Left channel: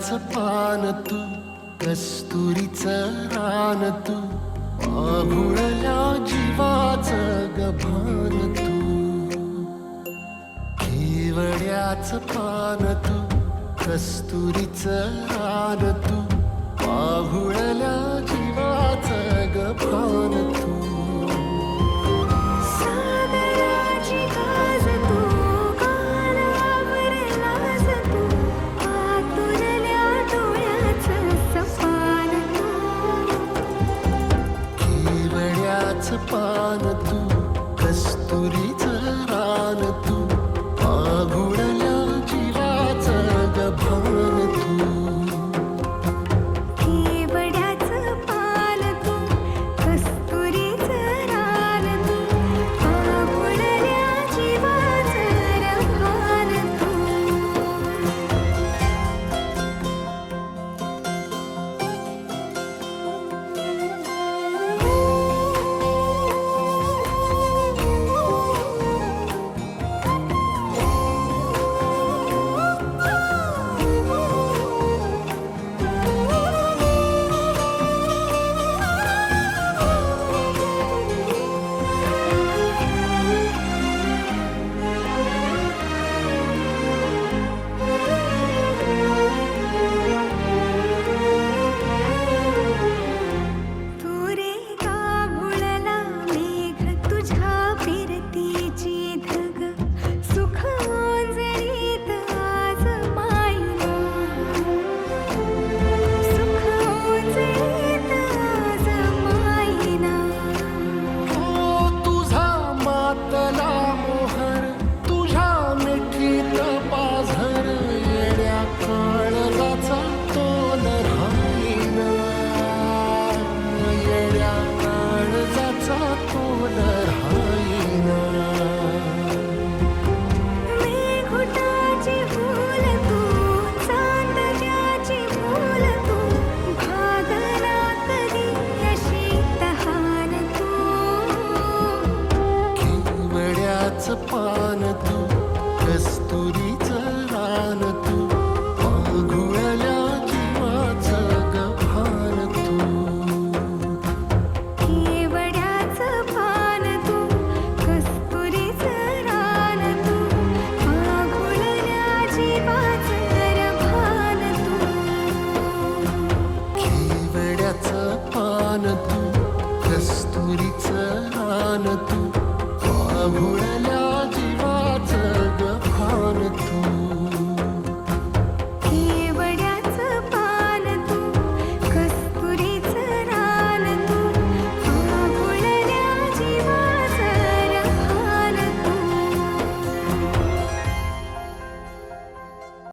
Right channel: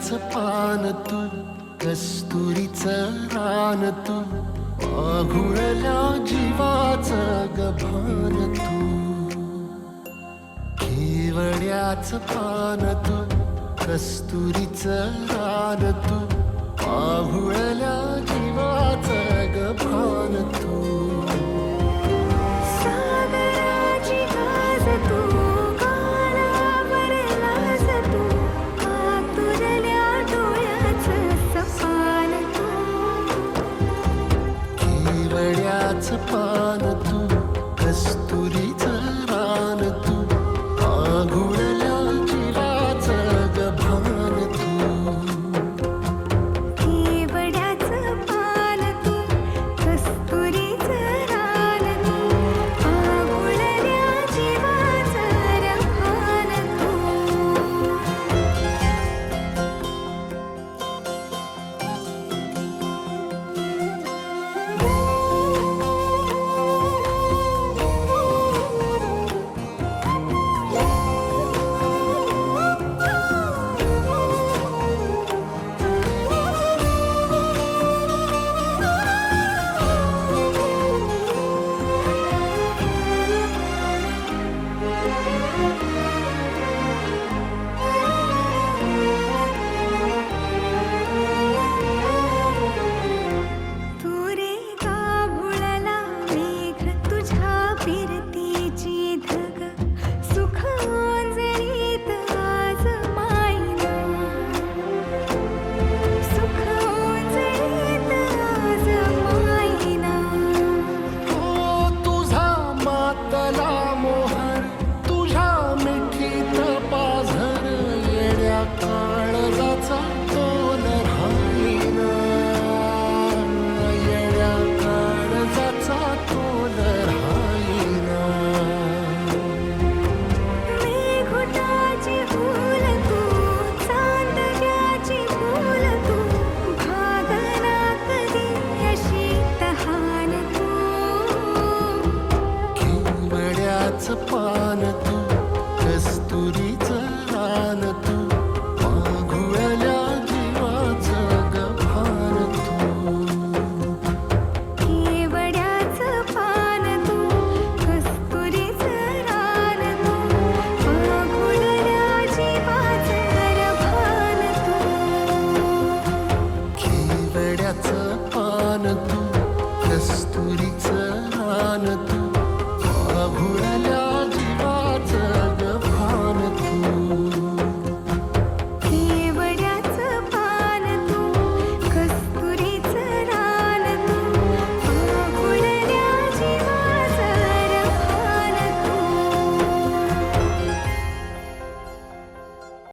केवड्याचं पान तू, कस्तुरीचं रान तू, पाघुळल्या जीवाचं गभान तू. केवड्याचं पान तू, कस्तुरीचं रान तू, पाघुळल्या जीवाचं गभान तू. सागराची गाज तू, गालावर लाज तू, आतुरल्या डोळ्याचं सपान तू. केवड्याचं पान तू, कस्तुरीचं रान तू, पाघुळल्या जीवाचं गभान तू. केवड्याचं पान तू, कस्तुरीचं रान तू, पाघुळल्या जीवाचं रभान तू. फिरतीची धग सुख ओंजळीत आज मायना, सुख ओंजळीत आज मायना. हो तुझा मातला मोहर, तुझ्या मिठीत पाझर, येड्या काळजाचा तोल राहीना, येड्या काळजाचा तोल राहीना. मेघुटाची फूल तू, चांदव्याची फूल तू, भागना कधी अशी तहान तू. केवड्याचं पान तू, कस्तुरीचं रान तू, पाघुळल्या जीवाचं गभान तू. केवड्याचं पान तू, कस्तुरीचं रान तू, पाघुळल्या जीवाचं रभान तू. केवड्याचं पान तू, कस्तुरीचं रान तू, पाघुळल्या जीवाचं गभान तू.